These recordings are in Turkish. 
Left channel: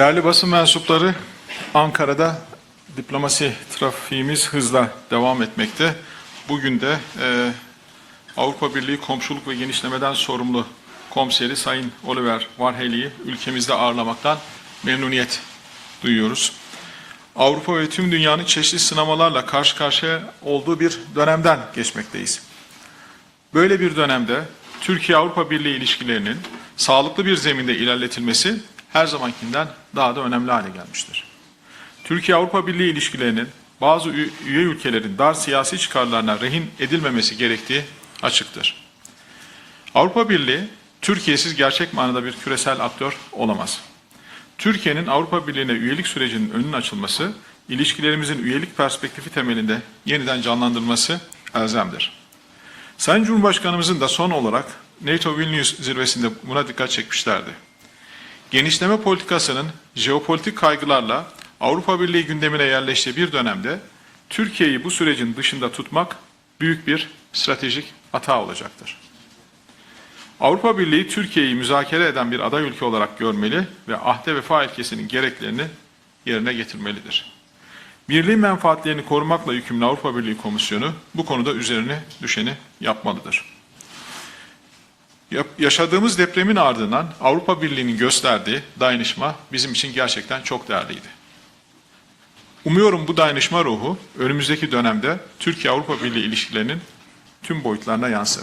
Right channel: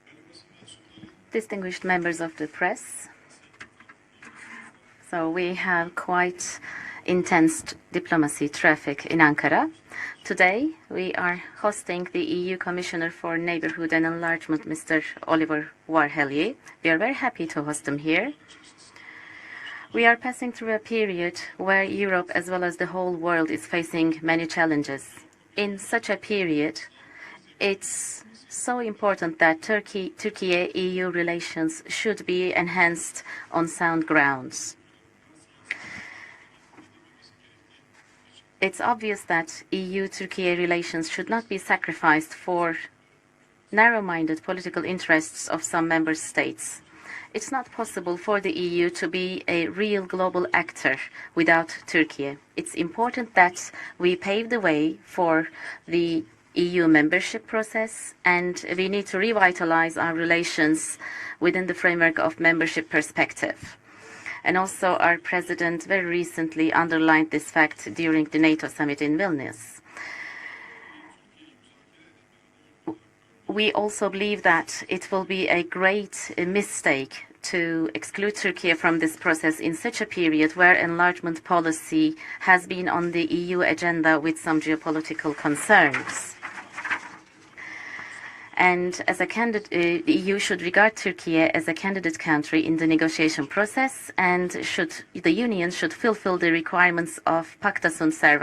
Değerli basın mensupları, Ankara'da diplomasi trafiğimiz hızla devam etmekte. Bugün de e, Avrupa Birliği Komşuluk ve. Genişleme'den sorumlu komiseri Sayın Oliver for ülkemizde ağırlamaktan memnuniyet duyuyoruz. Avrupa ve tüm dünyanın çeşitli sınamalarla karşı karşıya olduğu bir dönemden geçmekteyiz. Böyle bir dönemde. Türkiye-Avrupa Birliği ilişkilerinin sağlıklı bir zeminde ilerletilmesi her zamankinden daha da önemli hale gelmiştir. be Türkiye-Avrupa Birliği ilişkilerinin bazı üye ülkelerin dar siyasi çıkarlarına rehin edilmemesi gerektiği açıktır. EU Avrupa Türkiye Birliği, Türkiye'siz gerçek manada bir küresel aktör olamaz. Türkiye'nin Avrupa Birliği'ne üyelik sürecinin önünün açılması, ilişkilerimizin üyelik to perspektifi temelinde yeniden without elzemdir. Sayın Cumhurbaşkanımızın da son olarak NATO Vilnius zirvesinde buna dikkat çekmişlerdi. Genişleme politikasının jeopolitik kaygılarla Avrupa Birliği gündemine yerleştiği bir dönemde Türkiye'yi bu sürecin dışında tutmak büyük bir stratejik hata olacaktır. Avrupa Birliği Türkiye'yi müzakere eden bir aday ülke olarak görmeli ve ahde vefa ilkesinin gereklerini yerine getirmelidir. Birliğin menfaatlerini korumakla yükümlü Avrupa Birliği Komisyonu bu konuda üzerine düşeni yapmalıdır. Yap- concerns. Yaşadığımız depremin ardından Avrupa Birliği'nin gösterdiği dayanışma bizim için gerçekten EU çok değerli. Umuyorum bu dayanışma ruhu önümüzdeki dönemde Türkiye-Avrupa Birliği ilişkilerinin tüm boyutlarına yansır.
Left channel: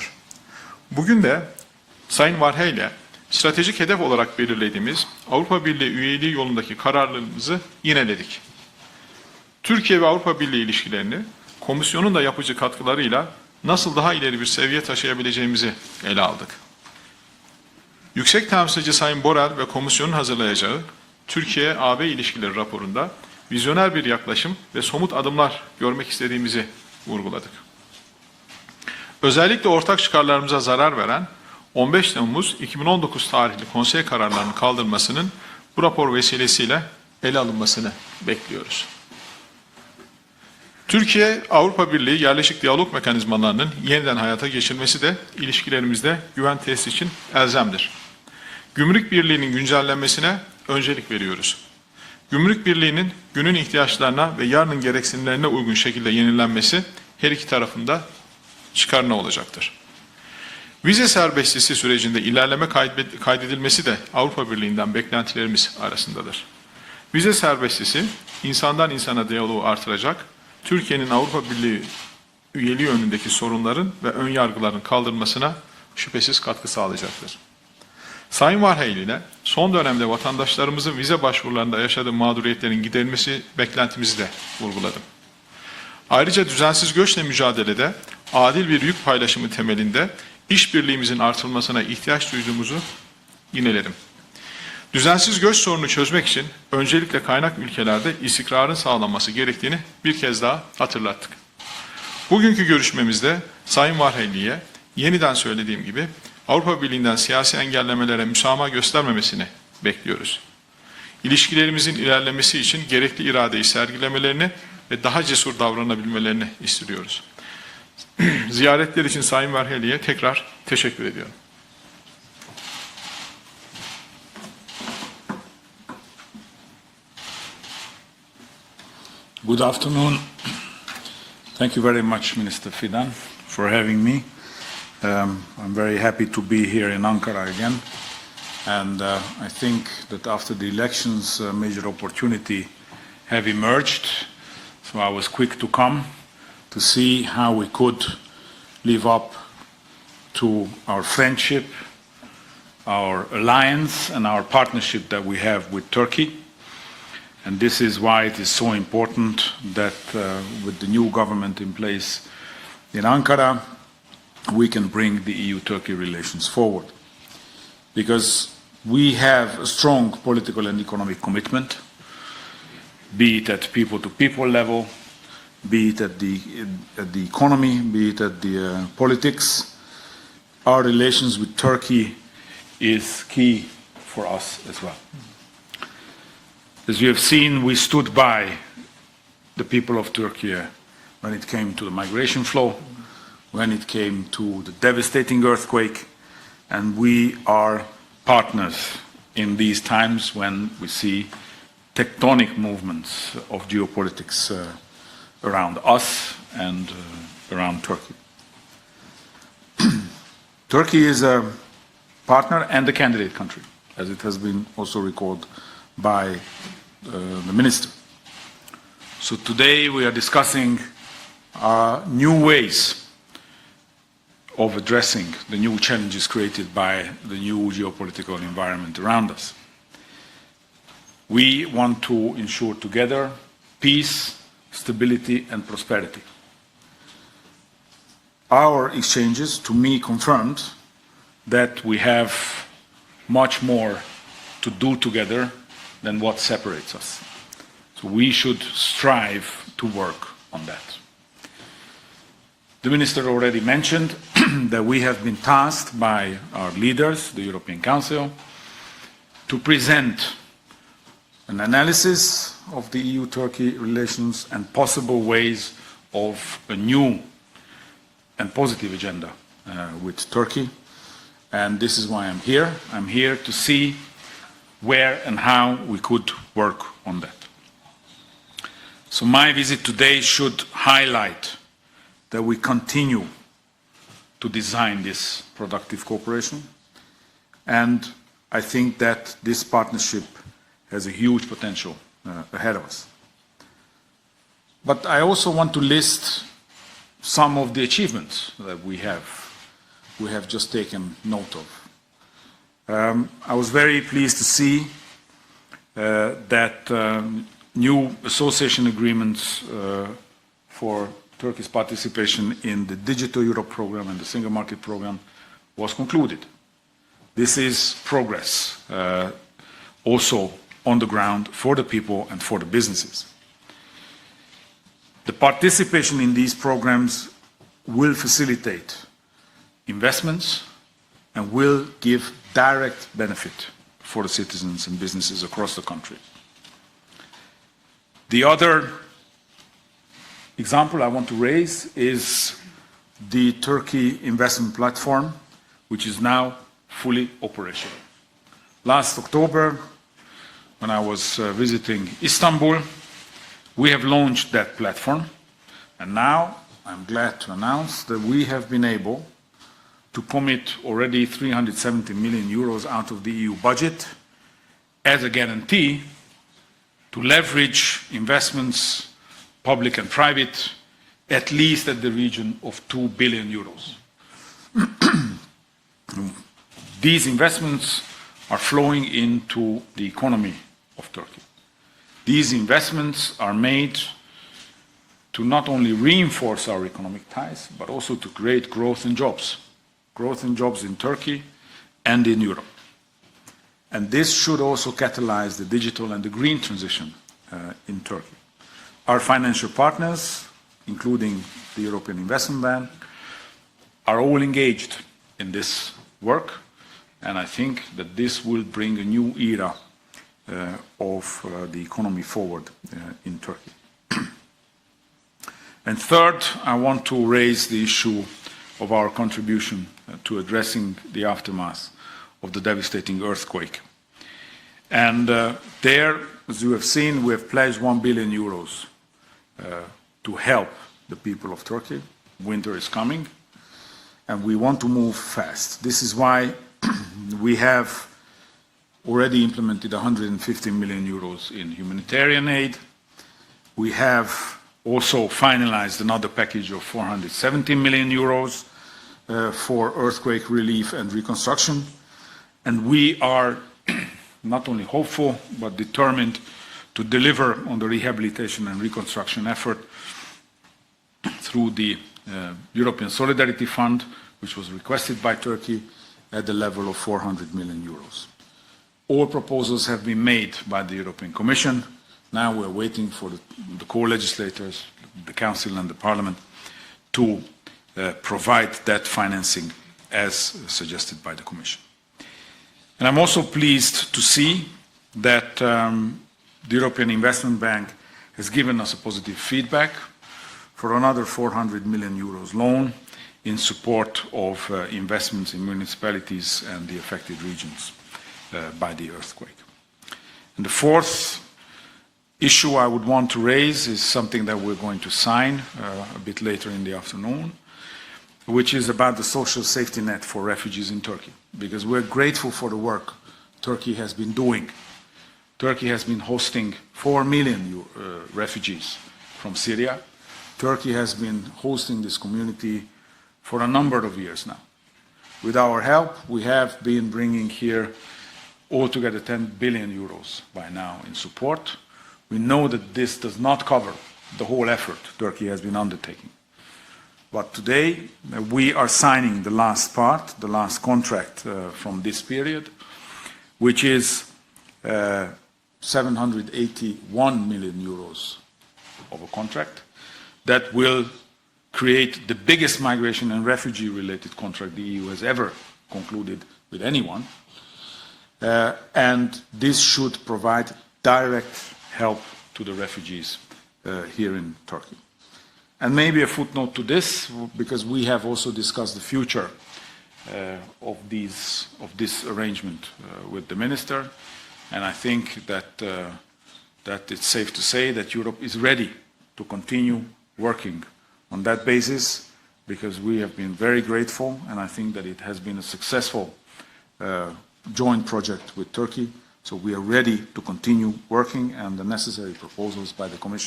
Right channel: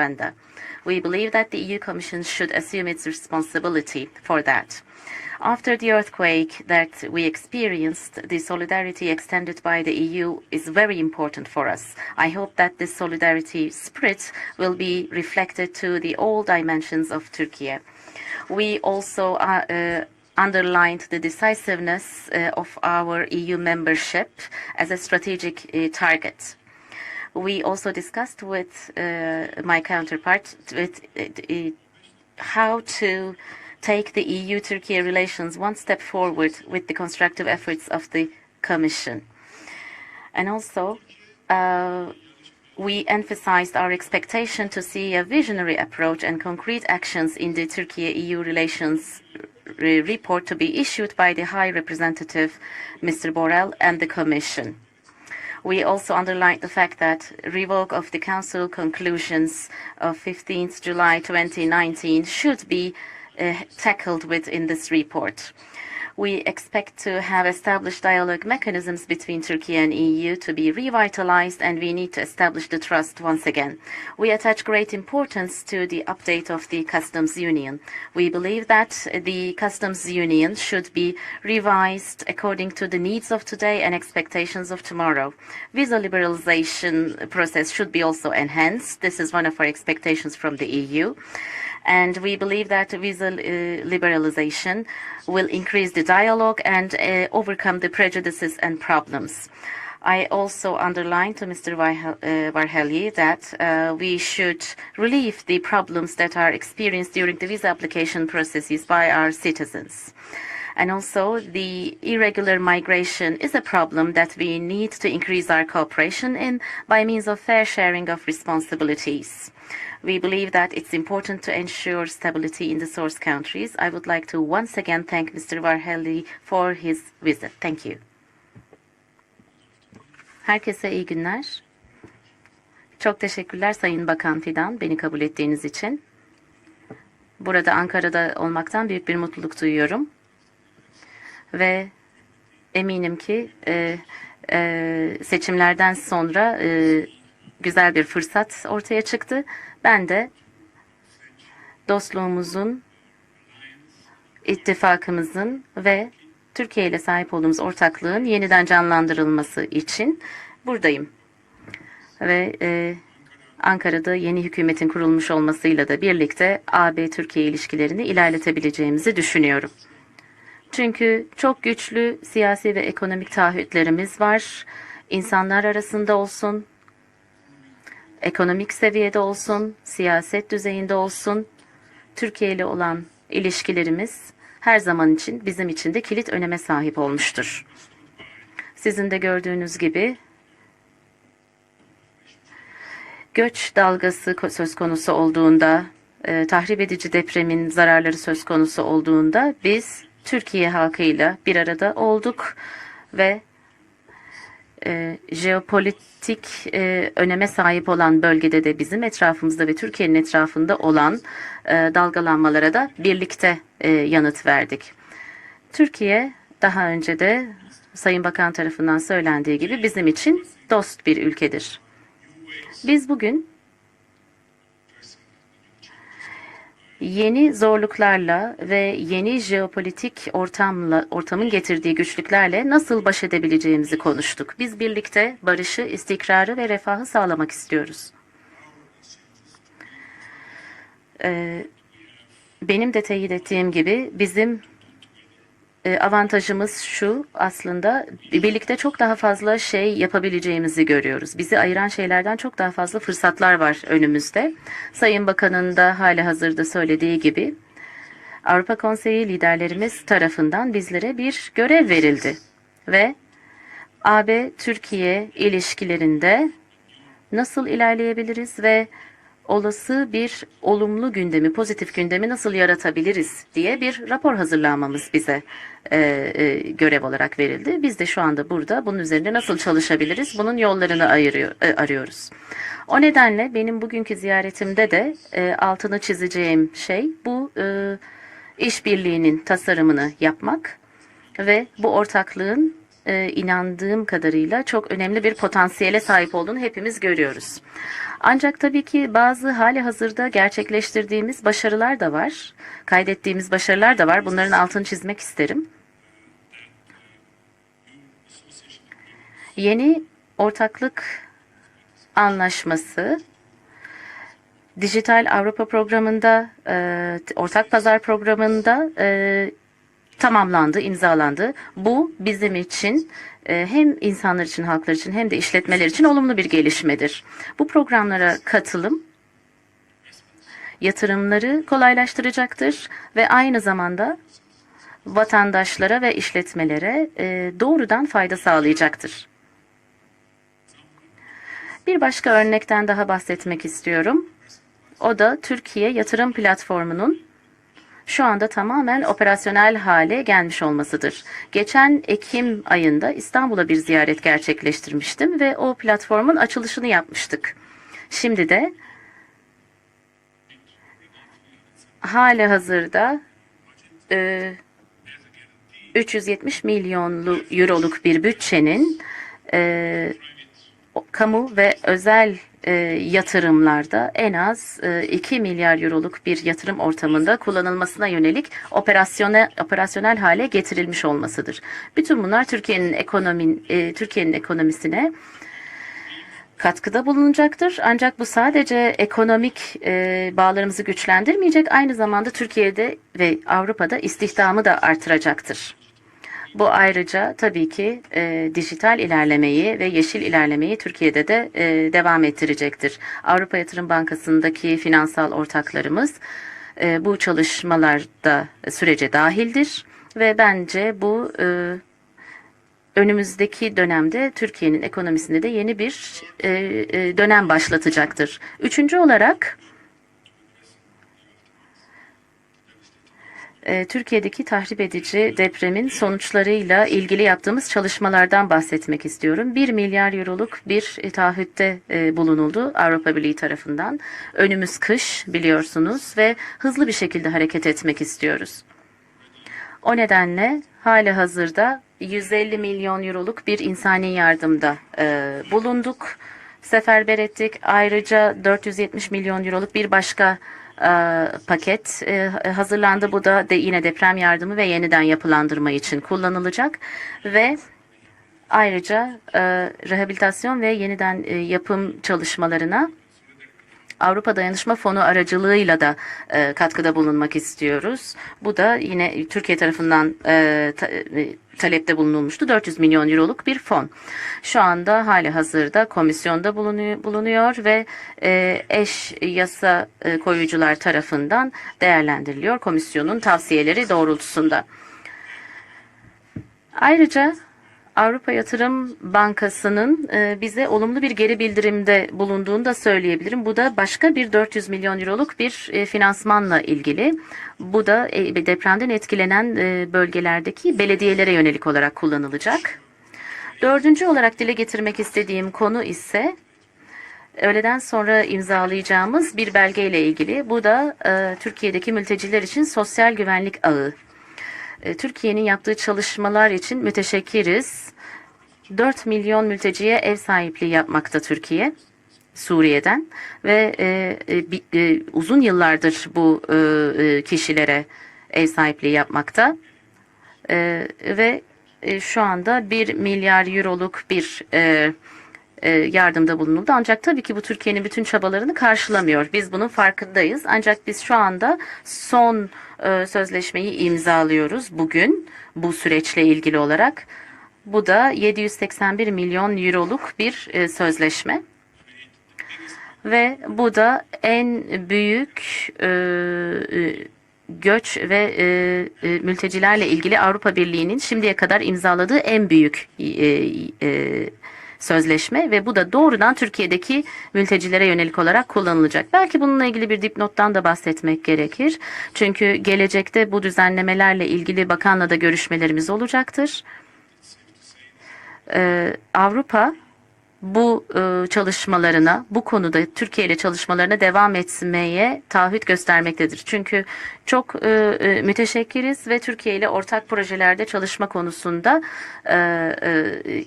Bugün de Sayın its stratejik hedef olarak belirlediğimiz Avrupa Birliği üyeliği yolundaki experienced, yineledik. Türkiye ve Avrupa Birliği ilişkilerini komisyonun da yapıcı katkılarıyla nasıl daha ileri bir be taşıyabileceğimizi ele aldık. Yüksek temsilci Sayın Borrell ve komisyonun uh, hazırlayacağı Türkiye-AB ilişkileri uh, of raporunda EU vizyoner bir yaklaşım ve somut adımlar görmek istediğimizi vurguladık. With, uh, Özellikle ortak çıkarlarımıza zarar veren uh, 15 Temmuz how 2019 to tarihli konsey kararlarının one bu rapor vesilesiyle ele alınmasını bekliyoruz. Türkiye, uh, Avrupa Birliği yerleşik diyalog mekanizmalarının yeniden hayata see de ilişkilerimizde güven tesisi için elzemdir. Relations Gümrük Birliği'nin güncellenmesine öncelik veriyoruz. Gümrük Birliği'nin günün ihtiyaçlarına ve yarının gereksinimlerine uygun şekilde yenilenmesi her iki tarafında çıkarına olacaktır. Of 15th Vize serbestisi 2019 sürecinde ilerleme kaydet- kaydedilmesi de uh, Avrupa Birliği'nden beklentilerimiz to Vize serbestisi, insandan insana diyaloğu artıracak, be Türkiye'nin Avrupa Birliği üyeliği önündeki sorunların ve önyargıların great kaldırılmasına şüphesiz katkı sağlayacaktır. Sayın believe Vaheyli that ile the son dönemde vatandaşlarımızın vize başvurularında yaşadığı mağduriyetlerin giderilmesi of today Ayrıca düzensiz göçle mücadelede adil bir yük paylaşımı temelinde işbirliğimizin EU. artırılmasına ihtiyaç duyduğumuzu uh, liberalization Düzensiz göç the çözmek için öncelikle uh, kaynak ülkelerde istikrarın sağlanması gerektiğini bir kez daha hatırlattık. uh, Bugünkü görüşmemizde Sayın should yeniden söylediğim gibi Avrupa Birliği'nden siyasi engellemelere müsamaha göstermemesini bekliyoruz. İlişkilerimizin ilerlemesi için gerekli iradeyi sergilemelerini ve daha cesur davranabilmelerini istiyoruz. Ziyaretler için. Sayın Varheli'ye We tekrar teşekkür ediyorum. I would like to once again thank Mr. Varhelyi for his visit. Thank you. Good afternoon. Herkese iyi günler. Thank you very much, Minister Fidan, Çok teşekkürler Sayın me. Bakan Fidan beni kabul Um, ettiğiniz I'm very için. happy to be here in Ankara Burada again. Ankara'da olmaktan And büyük uh, bir I mutluluk duyuyorum. that after the elections, a Ve major opportunity Eminim ki have emerged. e, e, So to seçimlerden sonra e, güzel bir fırsat ortaya çıktı. Ben de to our friendship, dostluğumuzun, our alliance, and our partnership that we have with Turkey. Türkiye ile sahip olduğumuz ortaklığın so yeniden important canlandırılması that için uh, buradayım. place Ve e, Ankara, Ankara'da yeni hükümetin kurulmuş the olmasıyla da birlikte. AB-Türkiye ilişkilerini because ilerletebileceğimizi düşünüyoruz. Çünkü çok güçlü siyasi ve ekonomik taahhütlerimiz var. level, İnsanlar arasında olsun, the economy, the ekonomik uh, seviyede olsun, siyaset düzeyinde olsun, Türkiye ile olan ilişkilerimiz her zaman için bizim için de kilit öneme sahip olmuştur. seen, we stood by Sizin de gördüğünüz gibi when it came to the migration flow. Göç dalgası söz konusu devastating olduğunda, e, tahrip edici depremin zararları söz konusu olduğunda biz Türkiye halkıyla bir arada olduk. Ve uh, E, jeopolitik e, öneme sahip olan bölgede de bizim etrafımızda ve Türkiye'nin etrafında olan a e, dalgalanmalara da birlikte e, yanıt verdik. Türkiye daha önce de. Sayın Bakan tarafından söylendiği today gibi bizim için dost bir ülkedir. Biz bugün of addressing the new challenges created by yeni zorluklarla ve yeni jeopolitik ortamla ortamın We getirdiği güçlüklerle nasıl baş edebileceğimizi peace, konuştuk. Biz birlikte barışı, istikrarı ve refahı sağlamak istiyoruz. Our exchanges, to me, confirmed that we have Benim de teyit ettiğim gibi bizim to do together avantajımız separates şu aslında birlikte çok daha fazla şey yapabileceğimizi görüyoruz. Bizi ayıran şeylerden çok daha fazla fırsatlar var önümüzde. Sayın Bakan'ın da hali hazırda söylediği gibi Avrupa Konseyi liderlerimiz tarafından bizlere bir görev verildi. Ve and AB-Türkiye ilişkilerinde nasıl ilerleyebiliriz ve olası uh, with bir Turkey. olumlu gündemi, pozitif gündemi nasıl yaratabiliriz diye bir rapor hazırlanmamız bize e, e, görev olarak verildi. Biz de şu anda burada bunun üzerinde nasıl çalışabiliriz bunun yollarını ayırıyor, e, arıyoruz. O nedenle benim bugünkü ziyaretimde de e, altını çizeceğim şey bu e, işbirliğinin tasarımını yapmak ve bu uh, ortaklığın e, inandığım kadarıyla çok But önemli bir potansiyele sahip olduğunu hepimiz görüyoruz. Ancak tabii ki bazı hali hazırda gerçekleştirdiğimiz başarılar da var. Kaydettiğimiz Um, was başarılar da var. Bunların altını çizmek isterim. uh, that um, new association agreements Yeni uh, ortaklık Turkey's participation in anlaşması, the Digital Europe program and the Single Market Dijital program Avrupa programında, e, ortak pazar programında uh, e, tamamlandı, imzalandı. Bu bizim için e, hem insanlar için, halklar için hem de işletmeler için in olumlu bir gelişmedir. Bu programlara katılım yatırımları kolaylaştıracaktır ve aynı zamanda vatandaşlara ve işletmelere e, doğrudan fayda sağlayacaktır. Example I want to raise Bir başka örnekten daha bahsetmek istiyorum. O da Türkiye yatırım platformunun şu anda tamamen operasyonel hale gelmiş olmasıdır. uh, Geçen Ekim ayında İstanbul'a bir ziyaret gerçekleştirmiştim ve o platformun açılışını yapmıştık. Şimdi de have been able to commit already 370 Hali million euros hazırda, out of the EU budget e, as a guarantee 370 milyon euroluk bir bütçenin public and private, kamu ve özel e, 2 billion yatırımlarda en az e, 2 milyar euroluk bir yatırım ortamında kullanılmasına yönelik operasyonel, operasyonel hale getirilmiş olmasıdır. Bütün bunlar Türkiye'nin ekonomi e, Türkiye'nin ekonomisine katkıda bulunacaktır. Ancak bu sadece ekonomik e, bağlarımızı güçlendirmeyecek, aynı zamanda. Türkiye'de ve Avrupa'da istihdamı da artıracaktır. Bu ayrıca tabii uh, ki e, dijital ilerlemeyi ve yeşil ilerlemeyi Türkiye'de de e, devam ettirecektir. Avrupa Yatırım Bankası'ndaki finansal ortaklarımız e, bu çalışmalarda sürece dahildir ve bence uh, bu of, e, uh, Turkey. önümüzdeki dönemde Türkiye'nin ekonomisinde de yeni bir third, e, e, dönem başlatacaktır. Üçüncü olarak Türkiye'deki tahrip edici uh, depremin sonuçlarıyla ilgili yaptığımız çalışmalardan bahsetmek istiyorum. 1 milyar euroluk bir taahhütte e, bulunuldu Avrupa. Birliği tarafından. Önümüz kış biliyorsunuz ve hızlı bir şekilde hareket etmek istiyoruz. Already implemented O nedenle 150 million hali hazırda in humanitarian 150 aid. milyon euroluk bir We insani have yardımda e, bulunduk. another package of Seferber ettik. 470 million Ayrıca euros 470 milyon euroluk bir başka e, paket e, hazırlandı. Bu da de yine deprem yardımı ve yeniden yapılandırma için kullanılacak. Ve ayrıca e, rehabilitasyon ve yeniden e, yapım the, çalışmalarına European Solidarity Fund, Avrupa Dayanışma Fonu aracılığıyla da e, katkıda bulunmak 400 million istiyoruz. Bu da yine Türkiye tarafından e, e, talepte bulunulmuştu. Now we're 400 milyon euroluk bir fon. Şu anda hali hazırda komisyonda bulunuyor, bulunuyor ve uh, e, eş yasa e, koyucular tarafından değerlendiriliyor komisyonun tavsiyeleri doğrultusunda. that um, Ayrıca Avrupa Yatırım Bankası'nın e, bize olumlu bir geri bildirimde bulunduğunu da söyleyebilirim. Bu da başka bir 400 milyon euroluk bir e, finansmanla ilgili. Bu da e, depremden etkilenen bölgelerdeki belediyelere yönelik olarak kullanılacak. Dördüncü olarak dile getirmek istediğim konu ise öğleden sonra imzalayacağımız bir belgeyle ilgili. Bu da Türkiye'deki mülteciler için sosyal güvenlik ağı. Türkiye'nin yaptığı çalışmalar için müteşekkiriz. 4 milyon mülteciye ev sahipliği yapmakta Türkiye, Suriye'den. ve e, e, e, uzun yıllardır bu e, e kişilere ev sahipliği yapmakta ee, e, ve şu anda 1 milyar euroluk bir e, e yardımda bulunuldu. Ancak tabii ki bu Türkiye'nin bütün çabalarını karşılamıyor. Biz bunun farkındayız. Ancak biz şu anda son e, sözleşmeyi imzalıyoruz bugün bu süreçle ilgili olarak. Bu da 781 milyon euroluk bir e, sözleşme ve bu da en büyük e, e göç ve e, e mültecilerle ilgili Avrupa Birliği'nin şimdiye kadar imzaladığı en büyük e, sözleşme ve bu da doğrudan Türkiye'deki mültecilere yönelik olarak kullanılacak. Belki bununla ilgili bir dipnottan da bahsetmek gerekir. Çünkü gelecekte bu düzenlemelerle ilgili bakanla da görüşmelerimiz olacaktır. Ee, Avrupa bu ıı, çalışmalarına, bu konuda Türkiye ile çalışmalarına devam etmeye taahhüt göstermektedir. Çünkü çok e, müteşekkiriz ve Türkiye ile ortak projelerde çalışma konusunda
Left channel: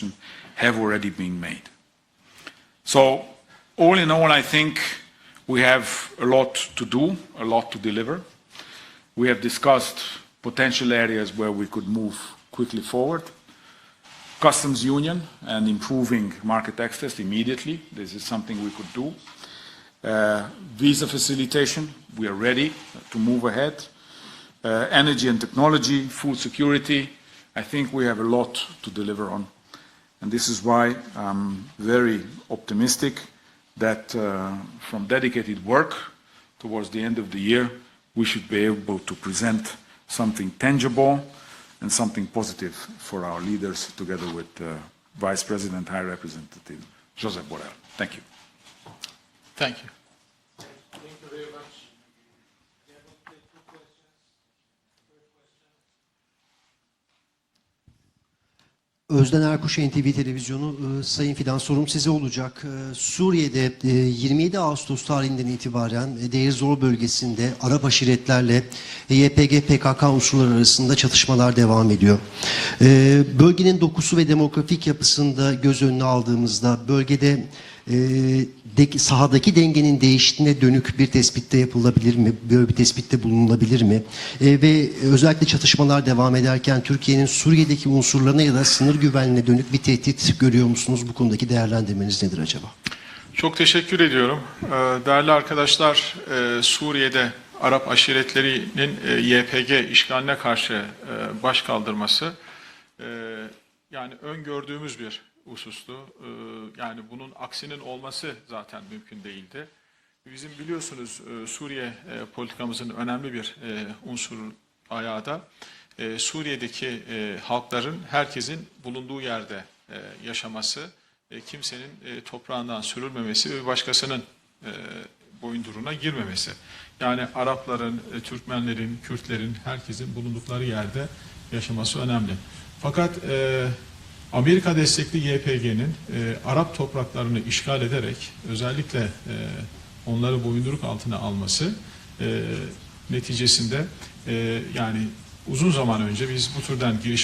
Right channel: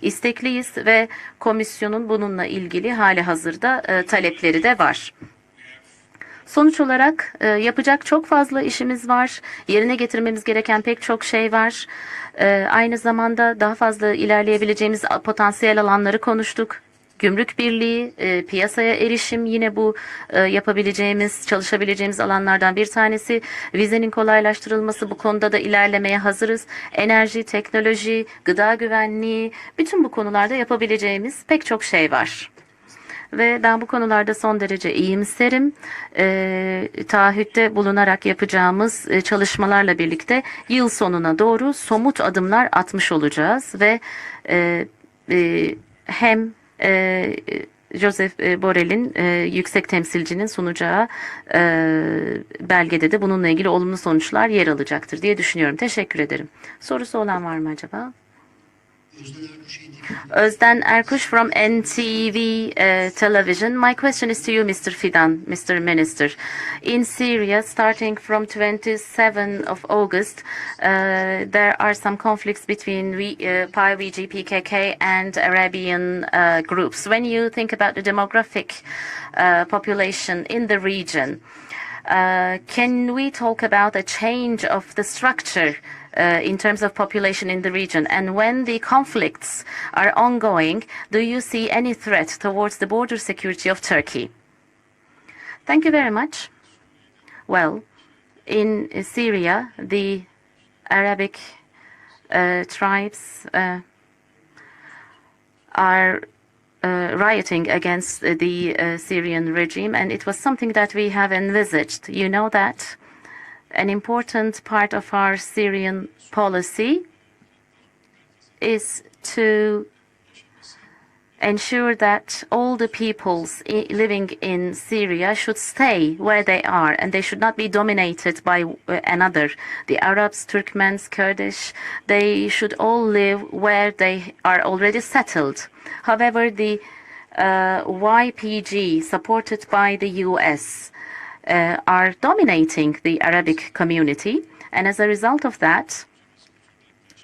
istekliyiz ve komisyonun bununla ilgili hali hazırda talepleri de var. Sonuç olarak yapacak çok fazla işimiz var. Yerine getirmemiz gereken pek çok şey var. Aynı zamanda daha fazla ilerleyebileceğimiz potansiyel alanları konuştuk. Gümrük birliği, piyasaya erişim yine bu yapabileceğimiz, çalışabileceğimiz alanlardan bir tanesi. Vizenin kolaylaştırılması bu konuda da ilerlemeye hazırız. Enerji, teknoloji, gıda güvenliği, bütün bu konularda yapabileceğimiz pek çok şey var. Ve ben bu konularda son derece iyiyim isterim. E, taahhütte bulunarak yapacağımız çalışmalarla birlikte yıl sonuna doğru somut adımlar atmış olacağız ve e, e hem e, Joseph e, Borrell'in e, yüksek temsilcinin sunacağı e, belgede de bununla ilgili olumlu sonuçlar yer alacaktır diye düşünüyorum. Teşekkür ederim. Sorusu olan var mı acaba? Özden Erkuş, NTV Özden Erkuş from NTV Television. My question is to you Mr. Fidan, Mr. Minister. In Syria, starting from 27 PKK unsurları arasında çatışmalar devam ediyor. E, bölgenin dokusu ve demokratik yapısında göz önüne aldığımızda bölgede e, sahadaki dengenin değiştiğine dönük bir tespitte yapılabilir mi? Bir tespitte bulunabilir mi? Ve özellikle çatışmalar devam ederken Türkiye'nin Suriye'deki unsurların arasında güvenle dönük bir tehdit görüyor musunuz? Bu konudaki değerlendirmenizi Çok teşekkür ediyorum. Ee, değerli arkadaşlar, e, Suriye'de Arap aşiretlerinin e, YPG işgaline karşı e, baş kaldırması yani öngördüğümüz bir are uh, rioting against the uh, Syrian regime, and it was something that we have envisaged. You know that an important part of our Syrian policy is to ensure that all the people living in Syria should stay where they are and they should not be dominated by uh, another. The Arabs, Turkmens, Kurdish, they should all live where they are already settled. However, the uh, YPG, supported by the US, uh, are dominating the Arabic community. And as a result of that,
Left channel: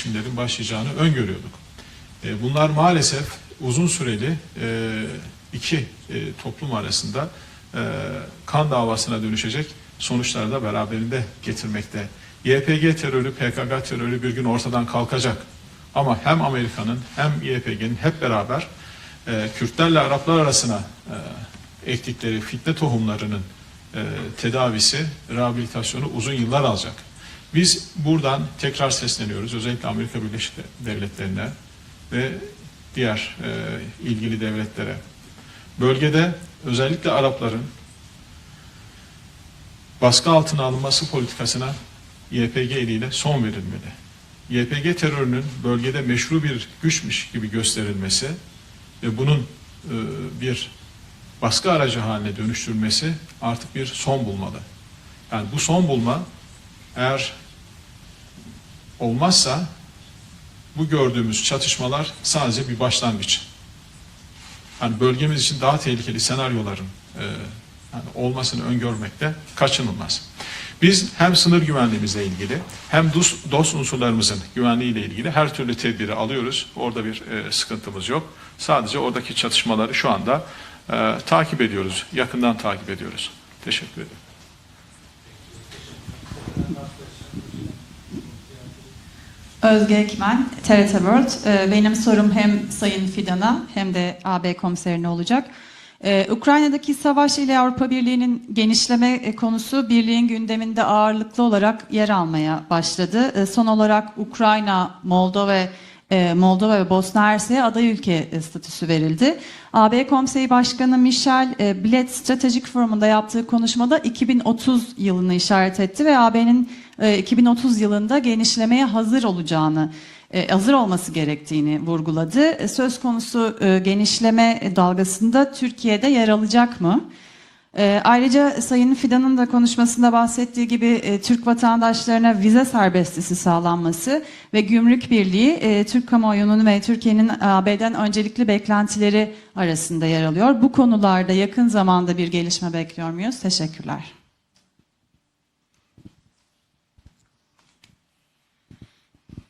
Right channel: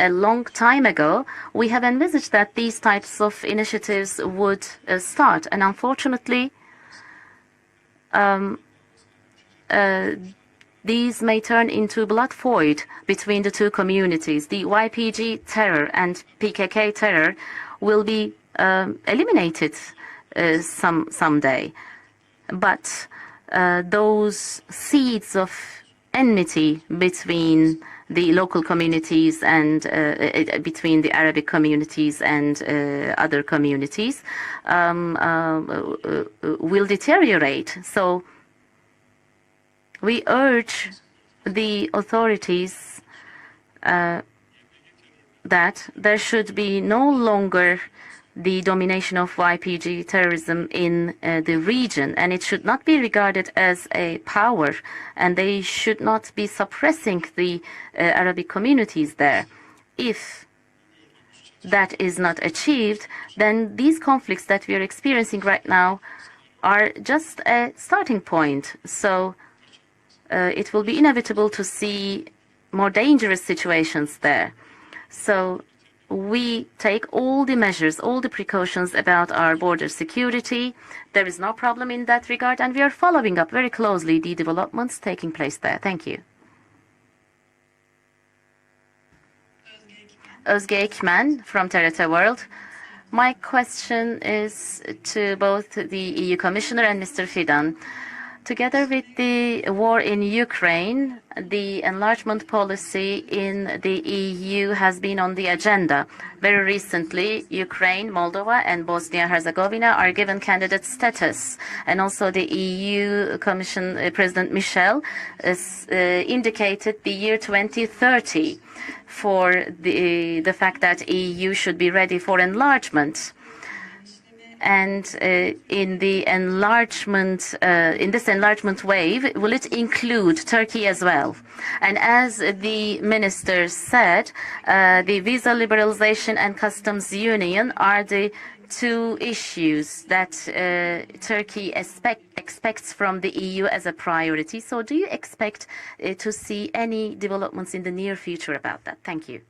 a long time ago, we have envisaged that these types of initiatives this would start. And unfortunately, um, kan davasına dönüşecek sonuçlar da beraberinde getirmekte. YPG terörü, PKK terörü bir gün ortadan kalkacak. Ama hem Amerika'nın hem YPG'nin hep beraber e, Kürtlerle Araplar arasına someday. ektikleri fitne tohumlarının e, tedavisi, rehabilitasyonu uzun yıllar alacak. Biz buradan tekrar sesleniyoruz. Özellikle Amerika Birleşik diğer. Bölgede so baskı we altına alınması politikasına the authorities, YPG eliyle son verilmeli. Uh, YPG terörünün that bölgede there meşru bir no longer gösterilmesi the domination of YPG terrorism in uh, the region and it should not be regarded as a power and they should not be suppressing the uh, Arabic communities there. If bu gördüğümüz çatışmalar sadece bir başlangıç. then these conflicts that we are Yani bölgemiz için right daha tehlikeli senaryoların are just e, a starting olmasını point. öngörmekte So kaçınılmaz. uh, Biz hem sınır güvenliğimizle ilgili hem dost, dost unsurlarımızın güvenliğiyle ilgili So her türlü tedbiri alıyoruz. we Orada take bir all e, the measures, sıkıntımız all yok. the precautions Sadece about oradaki çatışmaları şu anda e, takip ediyoruz. Yakından takip ediyoruz. following up very Teşekkür ederim. closely the developments taking place there. Thank you. Özge Ekmen, Özge TRT Ekmen World. Ee, Benim TRT sorum World. hem Sayın Fidan'a hem de AB is komiserine olacak. Ee, Ukrayna'daki savaş ile. Avrupa Birliği'nin genişleme konusu birliğin in gündeminde ağırlıklı olarak yer almaya başladı. Son olarak EU Ukrayna, Moldova, e, Moldova ve Bosna Hersek'e aday ülke statüsü verildi. AB Konseyi Başkanı Michel e, Bilet Stratejik Forum'da EU yaptığı konuşmada President 2030 Michel yılını işaret etti ve AB'nin indicated the e, year 2030 yılında 2030 genişlemeye hazır for olacağını, the- e, hazır olması should gerektiğini vurguladı. E, Söz konusu e, genişleme dalgasında uh, in Türkiye'de yer alacak mı? enlargement, uh, ayrıca Sayın Fidan'ın da konuşmasında bahsettiği gibi e? Türk And vatandaşlarına vize minister sağlanması ve uh, gümrük birliği e, Türk kamuoyunun ve Türkiye'nin AB'den öncelikli beklentileri arasında yer alıyor. Bu uh, konularda yakın zamanda bir gelişme bekliyor muyuz? Teşekkürler. So do you expect uh, to see any developments in the near future about that? Thank you.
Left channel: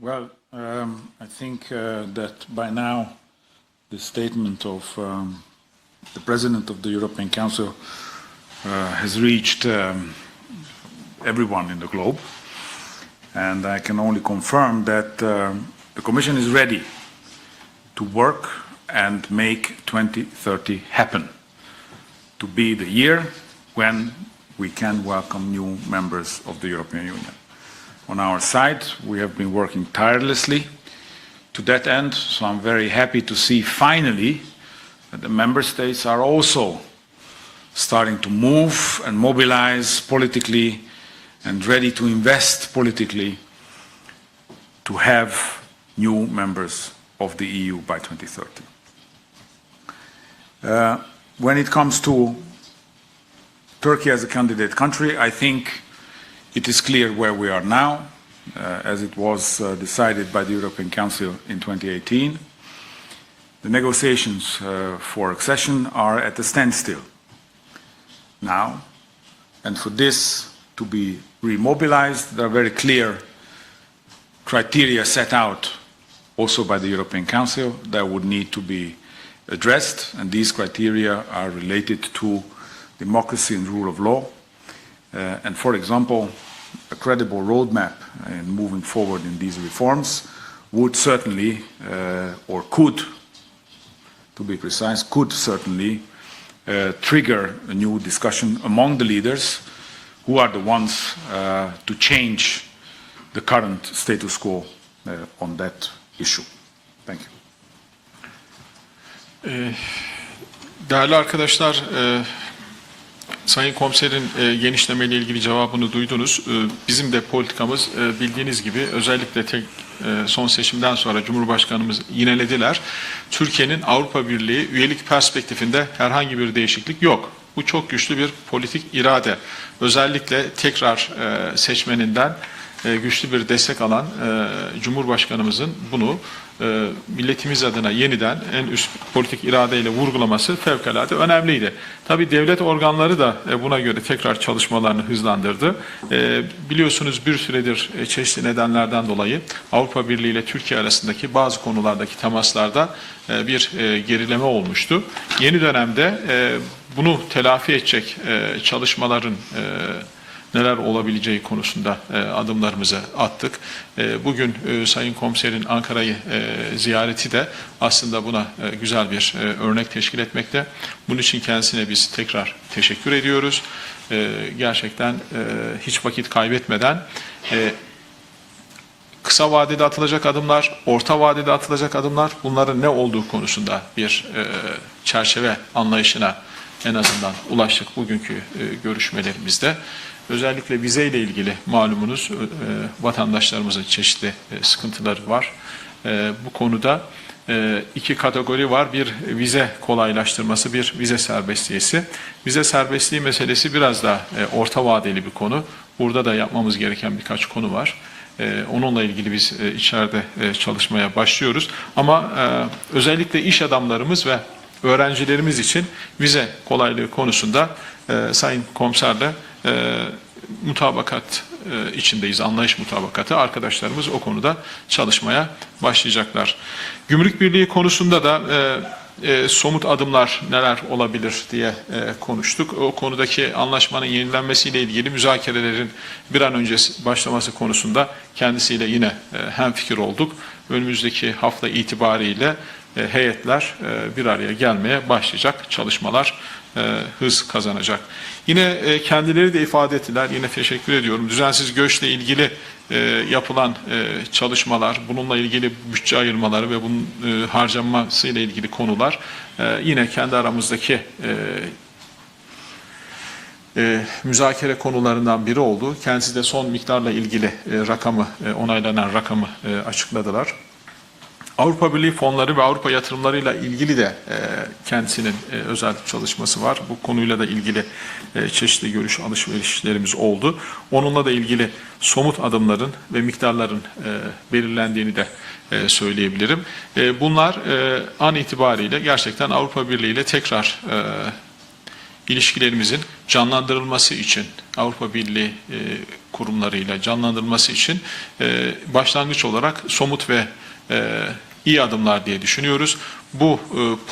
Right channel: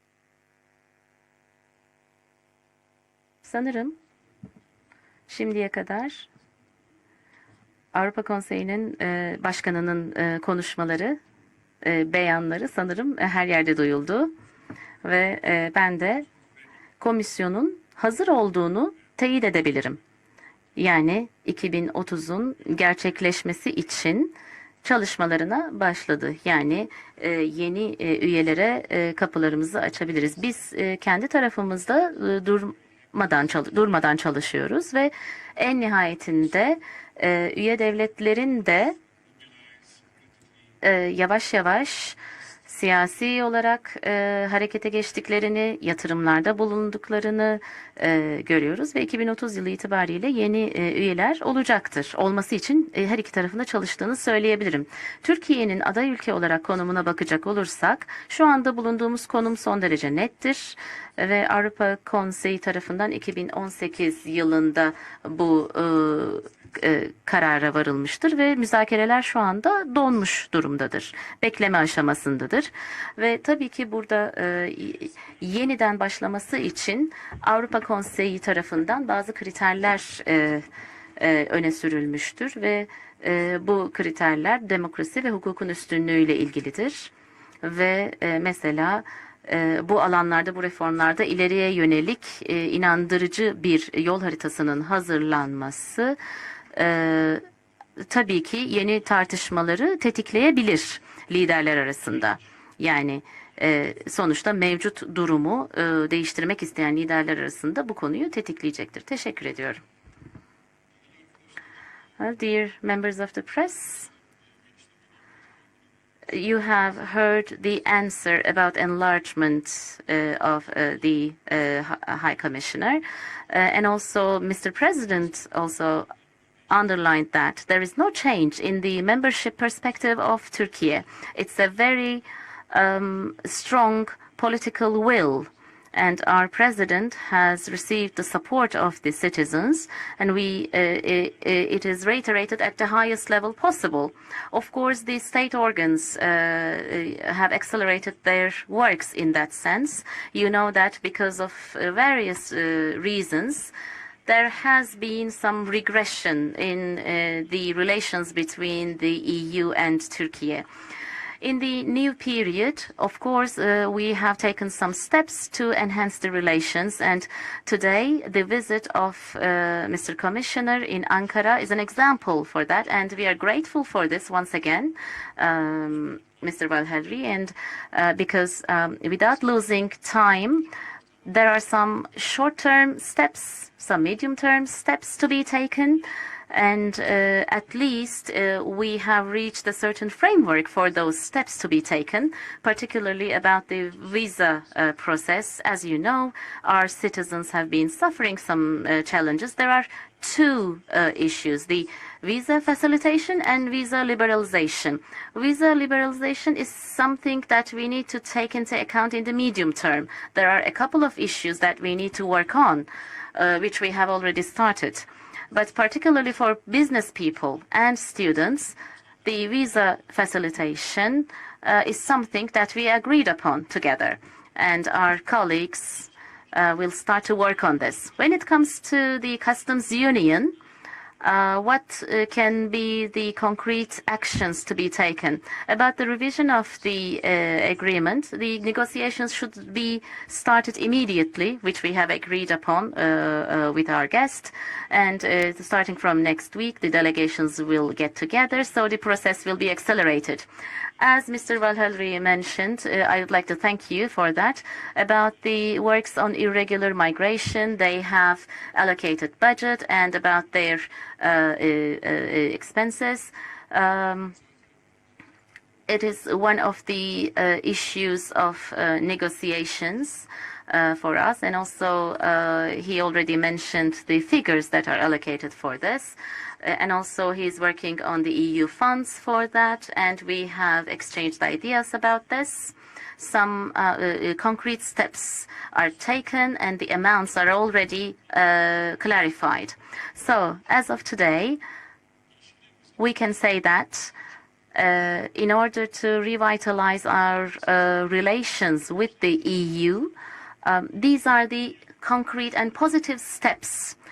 Well, um, I think uh, that by now Sanırım the statement of um, şimdiye kadar the President of the European Council, Avrupa Konseyi'nin Uh, has e, reached, başkanının e, konuşmaları, everyone in the e, globe, beyanları sanırım her and yerde I can only duyuldu. confirm that um, ben the de Commission is ready Komisyonun to hazır work olduğunu and teyit make edebilirim. 2030 Yani happen. 2030'un To be the year gerçekleşmesi için çalışmalarına başladı. Yani e, yeni e, üyelere e, kapılarımızı Biz e, kendi tarafımızda end, so I'm very happy to durmadan, see çal- durmadan finally çalışıyoruz ve en nihayetinde, e, üye starting to move and mobilize politically e, yavaş and yavaş ready to invest politically olarak e, harekete to have yatırımlarda bulunduklarını e, 2030. görüyoruz ve 2030 yılı itibariyle yeni e, Uh, üyeler when it comes to Olması için e, her iki tarafında çalıştığını söyleyebilirim. country, I think Türkiye'nin aday ülke olarak konumuna bakacak we are olursak, now, şu anda uh, bulunduğumuz konum was, uh, son derece decided by the nettir European Council ve in Avrupa 2018. Konseyi tarafından The 2018 negotiations yılında uh, for bu accession e, e, karara varılmıştır ve Now. müzakereler şu anda And so donmuş durumdadır. be Bekleme aşamasındadır. Ve tabii ki burada e, set out yeniden başlaması also by the için European Council Avrupa Konseyi tarafından bazı kriterler and these e, criteria e, are related to ve democracy e, and bu rule of law. kriterler demokrasi ve Uh, and hukukun for example, ilgilidir. a credible roadmap Ve e, uh, mesela forward in these e, bu alanlarda, bu reformlarda ileriye yönelik uh, e, or could, inandırıcı bir yol haritasının hazırlanması trigger a new tabii discussion ki among the leaders who are the ones uh, to change Yani the current e, status sonuçta quo, mevcut uh, durumu e, issue. değiştirmek isteyen liderler arasında bu konuyu tetikleyecektir. Teşekkür ediyorum. Değerli arkadaşlar, e, Sayın Komiserin e, genişleme ile ilgili cevabını duydunuz. E, Bizim de politikamız e, bildiğiniz gibi özellikle tek e, son seçimden sonra Cumhurbaşkanımız yinelediler. Türkiye'nin Avrupa Birliği üyelik perspektifinde herhangi bir değişiklik yok. Bu çok güçlü bir politik irade. Özellikle tekrar e, seçmeninden e, güçlü bir um, destek alan e, Cumhurbaşkanımızın bunu e, milletimiz adına yeniden en üst politik iradeyle vurgulaması we, fevkalade uh, önemliydi. Tabii devlet organları da e, buna göre tekrar çalışmalarını hızlandırdı. E, uh, Biliyorsunuz bir süredir çeşitli nedenlerden dolayı. Avrupa Birliği ile Türkiye arasındaki bazı konulardaki various, temaslarda uh, e, bir e, gerileme olmuştu. Yeni dönemde e, bunu uh, telafi edecek e, çalışmaların e, neler olabileceği konusunda e, period, adımlarımızı attık. uh, E, have Bugün e, Sayın Komiserin Ankara'yı e, ziyareti de aslında buna e, güzel bir uh, örnek teşkil etmekte. Bunun için kendisine biz tekrar teşekkür ediyoruz. Gerçekten Um, hiç vakit kaybetmeden uh, um, kısa vadede atılacak adımlar, orta vadede atılacak adımlar bunların ne olduğu konusunda bir çerçeve anlayışına en azından ulaştık bugünkü görüşmelerimizde. Özellikle vizeyle ilgili malumunuz e, vatandaşlarımızın the çeşitli e, uh, sıkıntıları var. E, Bu konuda e, iki kategori var. uh, Bir vize kolaylaştırması, bir uh, vize serbestliği. Vize serbestliği meselesi biraz da e, orta vadeli bir konu. Burada da yapmamız gereken birkaç konu var. E, Onunla ilgili biz e, içeride e, çalışmaya başlıyoruz. Ama e, özellikle uh, iş adamlarımız ve öğrencilerimiz için vize kolaylığı konusunda e, Sayın Komiser'le e, mutabakat uh, e, içindeyiz. Something Anlayış mutabakatı. Arkadaşlarımız o konuda çalışmaya başlayacaklar. uh, Gümrük Birliği on konusunda da e, e, somut adımlar neler olabilir uh, diye e, uh, konuştuk. O konudaki anlaşmanın yenilenmesiyle ilgili müzakerelerin bir an önce başlaması konusunda kendisiyle yine e, hemfikir olduk. Önümüzdeki hafta itibariyle e, heyetler e, bir araya gelmeye başlayacak. Çalışmalar e, hız kazanacak. Yine e, kendileri de ifade ettiler. Yine teşekkür ediyorum. Düzensiz göçle Vazalini ilgili uh, e, to yapılan e, çalışmalar, bununla ilgili bütçe ayırmaları ve bunun e, harcanması ile ilgili konular e, yine kendi aramızdaki e, uh, uh, uh, e, müzakere konularından biri oldu. Kendisi de son miktarla ilgili uh, e, issues rakamı, of, e, onaylanan uh, rakamı e, açıkladılar. uh, Avrupa Birliği fonları ve uh, Avrupa yatırımlarıyla ilgili de e, kendisinin e, özel çalışması var. Bu konuyla da ilgili e, çeşitli görüş alışverişlerimiz oldu. Onunla da ilgili somut adımların ve miktarların uh, e, uh, belirlendiğini de e, söyleyebilirim. E, Bunlar e, an uh, itibariyle gerçekten. Avrupa Birliği ile tekrar e, ilişkilerimizin canlandırılması için Avrupa uh, Birliği in order e, kurumlarıyla canlandırılması our, için uh, e, başlangıç olarak EU, somut ve um, e, iyi adımlar diye düşünüyoruz. Bu e,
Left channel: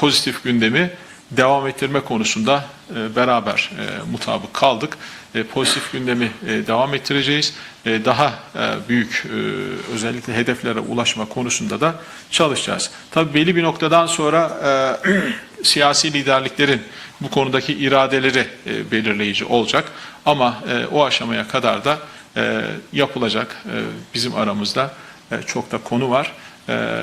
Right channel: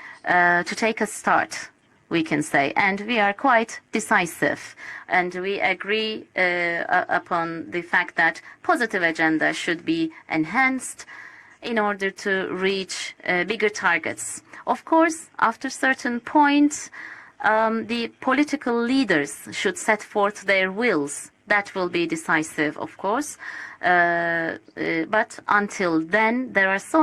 pozitif uh, to gündemi devam ettirme konusunda e, beraber e, mutabık kaldık. E, Pozitif gündemi e, uh, devam ettireceğiz. E, Daha e, büyük e, özellikle hedeflere ulaşma konusunda da çalışacağız. Tabii uh, belli bir noktadan sonra e, siyasi liderliklerin bu konudaki um, the iradeleri e, belirleyici olacak. Ama their e, o aşamaya kadar da e, yapılacak bizim Uh, aramızda uh, çok da konu var.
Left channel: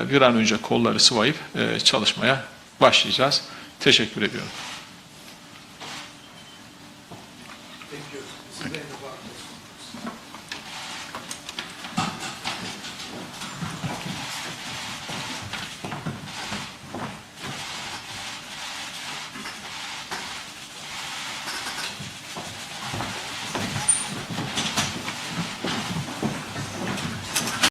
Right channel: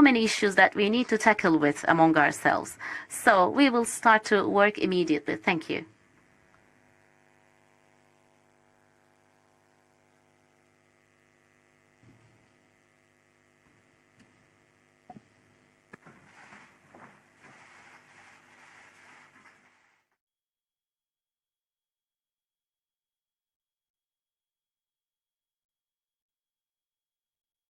Bir an önce kolları sıvayıp çalışmaya başlayacağız. Teşekkür start